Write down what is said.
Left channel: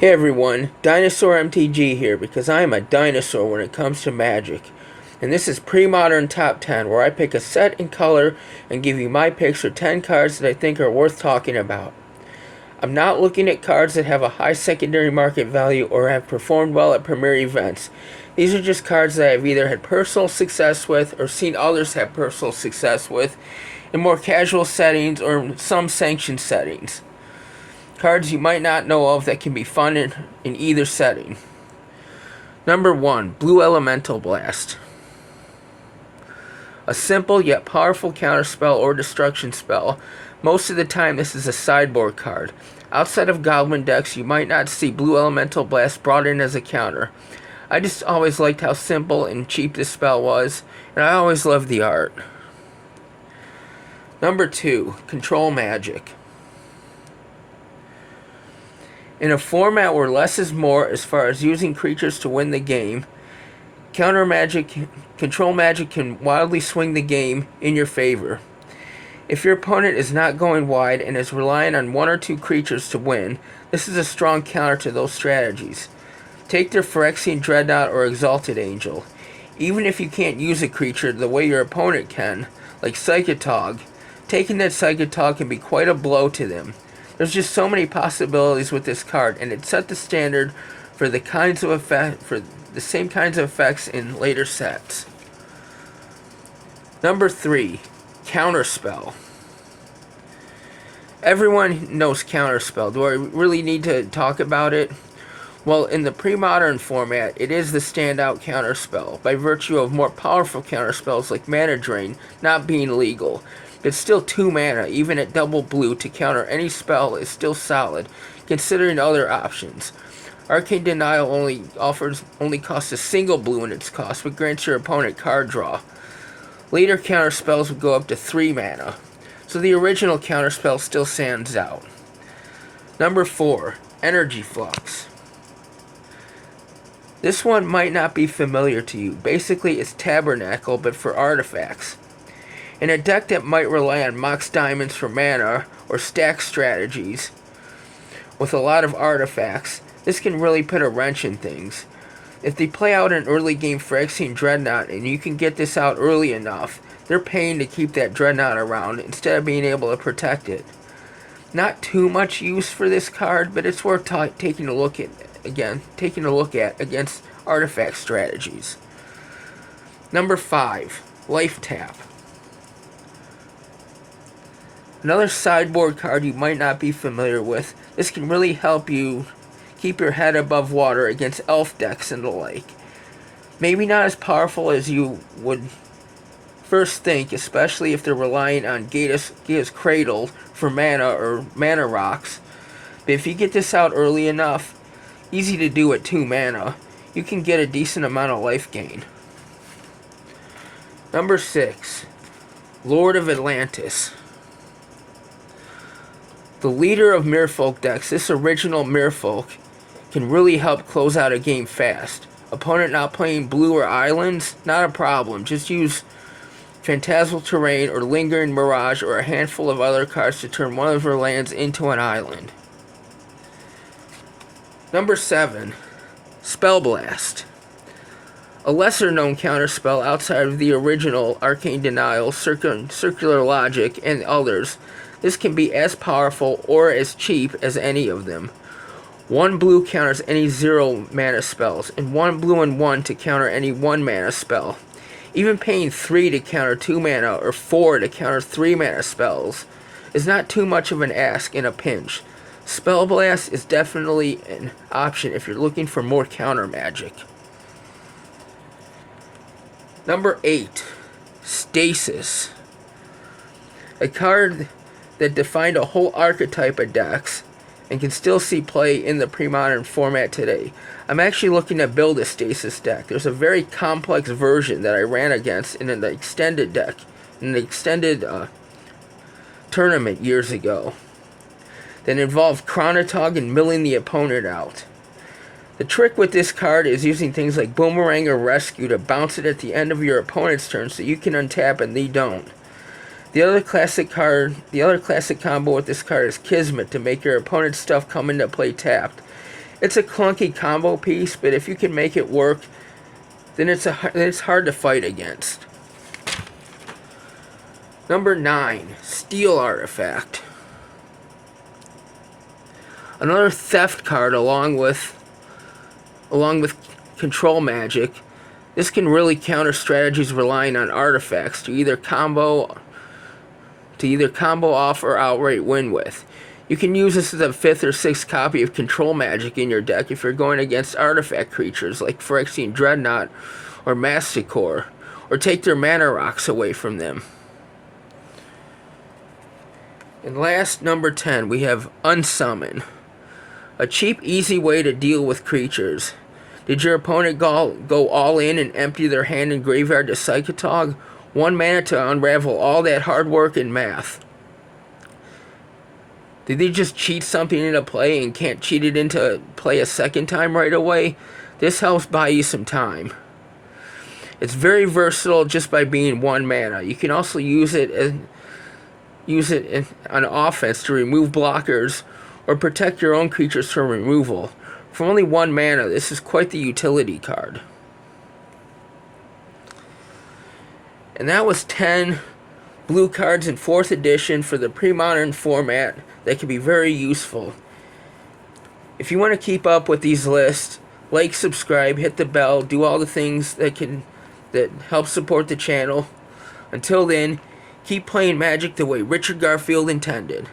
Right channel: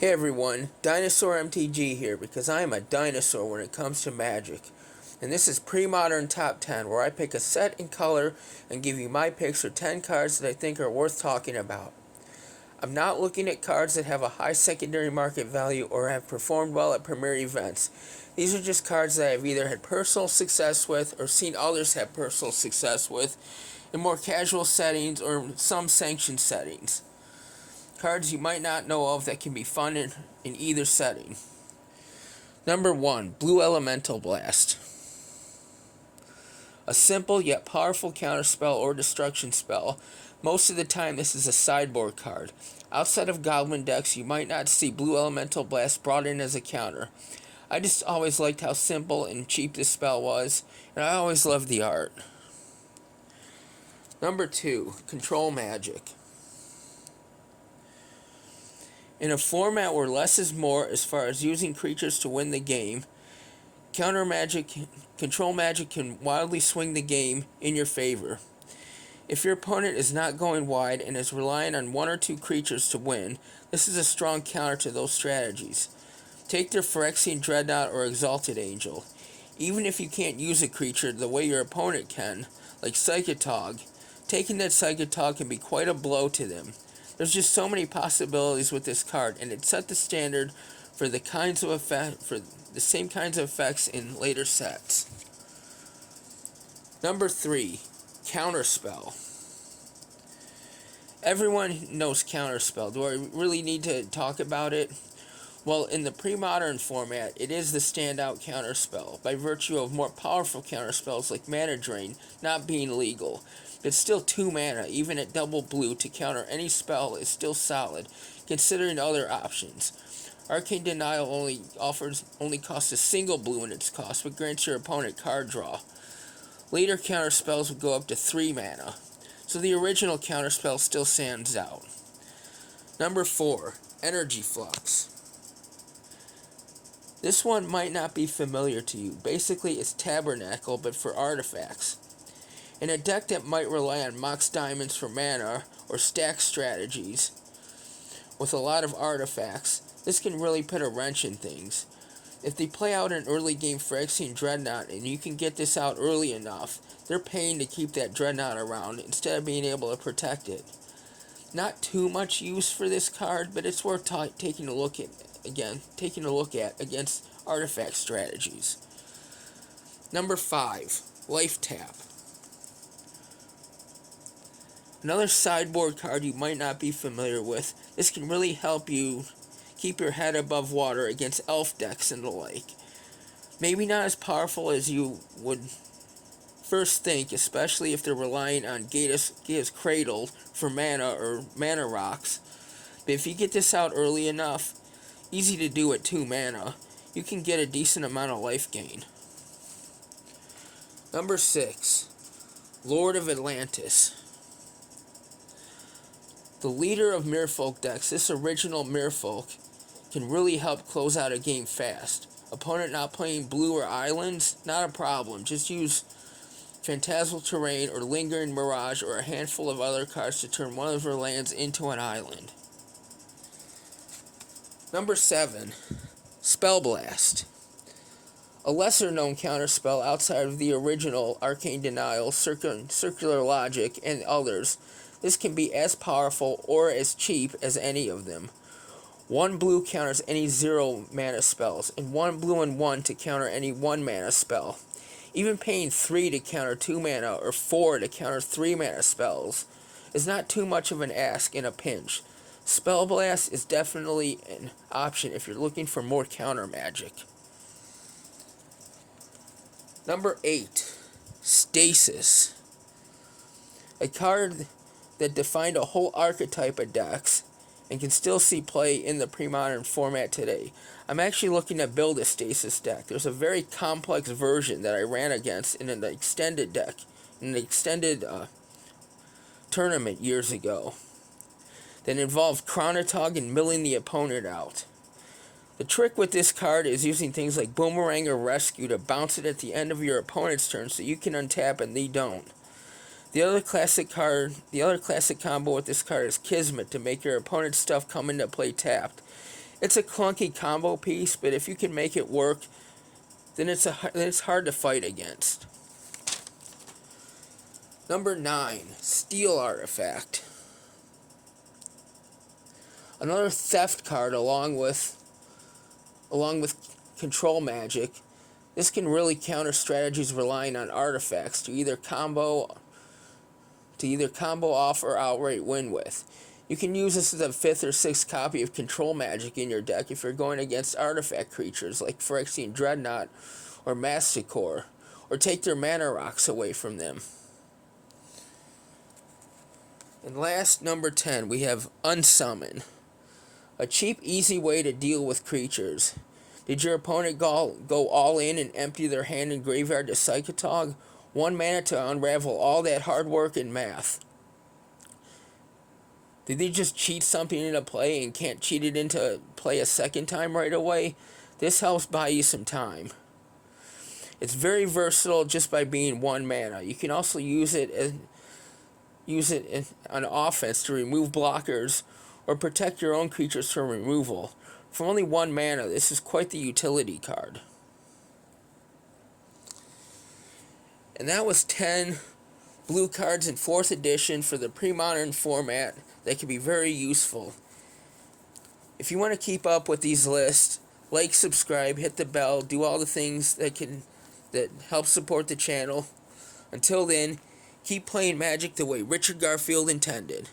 Hey everyone, Dinosaur MTG here because I am a dinosaur when it comes to Magic. And this is Premodern Top 10 where I pick a set and color and give you my picks for 10 cards that I think are worth talking about. I'm not looking at cards that have a high secondary market value or have performed well at premier events. These are just cards that I've either had personal success with or seen others have personal success with in more casual settings or some sanctioned settings. Cards you might not know of that can be fun in either setting. Number 1, Blue Elemental Blast. A simple yet powerful counterspell or destruction spell. Most of the time this is a sideboard card. Outside of Goblin decks, you might not see Blue Elemental Blast brought in as a counter. I just always liked how simple and cheap this spell was, and I always loved the art. Number 2, Control Magic. In a format where less is more as far as using creatures to win the game, Control Magic can wildly swing the game in your favor. If your opponent is not going wide and is relying on one or two creatures to win, this is a strong counter to those strategies. Take their Phyrexian Dreadnought or Exalted Angel. Even if you can't use a creature the way your opponent can, like Psychotog, taking that Psychotog can be quite a blow to them. There's just so many possibilities with this card, and it set the standard for the same kinds of effects in later sets. Number 3, Counterspell. Everyone knows Counterspell. Do I really need to talk about it? Well, in the pre-modern format, it is the standout counterspell, by virtue of more powerful counterspells like Mana Drain not being legal. It's still 2 mana, even at double blue, to counter any spell is still solid, considering other options. Arcane Denial only costs a single blue in its cost, but grants your opponent card draw. Later counterspells would go up to 3 mana, so the original counterspell still stands out. Number 4, Energy Flux. This one might not be familiar to you. Basically, it's Tabernacle, but for artifacts. In a deck that might rely on Mox Diamonds for mana or stack strategies with a lot of artifacts, this can really put a wrench in things. If they play out an early game Phyrexian Dreadnought and you can get this out early enough, they're paying to keep that Dreadnought around instead of being able to protect it. Not too much use for this card, but it's worth taking a look at against artifact strategies. Number 5, Life Tap. Another sideboard card you might not be familiar with. This can really help you keep your head above water against elf decks and the like. Maybe not as powerful as you would first think, especially if they're relying on Gaia's Cradle for mana or mana rocks. But if you get this out early enough, easy to do at 2 mana, you can get a decent amount of life gain. Number 6, Lord of Atlantis. The leader of Merfolk decks, this original Merfolk, can really help close out a game fast. Opponent not playing blue or islands, not a problem. Just use Phantasmal Terrain or Lingering Mirage or a handful of other cards to turn one of their lands into an island. Number 7, Spell Blast. A lesser known counterspell outside of the original Arcane Denial, Circular Logic, and others. This can be as powerful or as cheap as any of them. 1 blue counters any 0 mana spells, and 1 blue and 1 to counter any 1 mana spell. Even paying 3 to counter 2 mana or 4 to counter 3 mana spells is not too much of an ask in a pinch. Spell Blast is definitely an option if you're looking for more counter magic. Number 8, Stasis. A card that defined a whole archetype of decks and can still see play in the pre-modern format today. I'm actually looking to build a Stasis deck. There's a very complex version that I ran against in an extended deck, in an extended tournament years ago, that involved Chronotog and milling the opponent out. The trick with this card is using things like Boomerang or Rescue to bounce it at the end of your opponent's turn so you can untap and they don't. The other classic combo with this card is Kismet to make your opponent's stuff come into play tapped. It's a clunky combo piece, but if you can make it work, then it's hard to fight against. Number 9, Steel Artifact. Another theft card along with control magic. This can really counter strategies relying on artifacts to either combo off or outright win with. You can use this as a 5th or 6th copy of control magic in your deck if you're going against artifact creatures like Phyrexian Dreadnought or Masticore, or take their mana rocks away from them. And last, number 10, we have Unsummon. A cheap, easy way to deal with creatures. Did your opponent go all in and empty their hand and graveyard to Psychotog? 1 mana to unravel all that hard work and math. Did they just cheat something into play and can't cheat it into play a second time right away? This helps buy you some time. It's very versatile just by being 1 mana. You can also use it on offense to remove blockers or protect your own creatures from removal. For only 1 mana, this is quite the utility card. And that was 10 blue cards in 4th edition for the Premodern format that can be very useful. If you want to keep up with these lists, like, subscribe, hit the bell, do all the things that help support the channel. Until then, keep playing Magic the way Richard Garfield intended.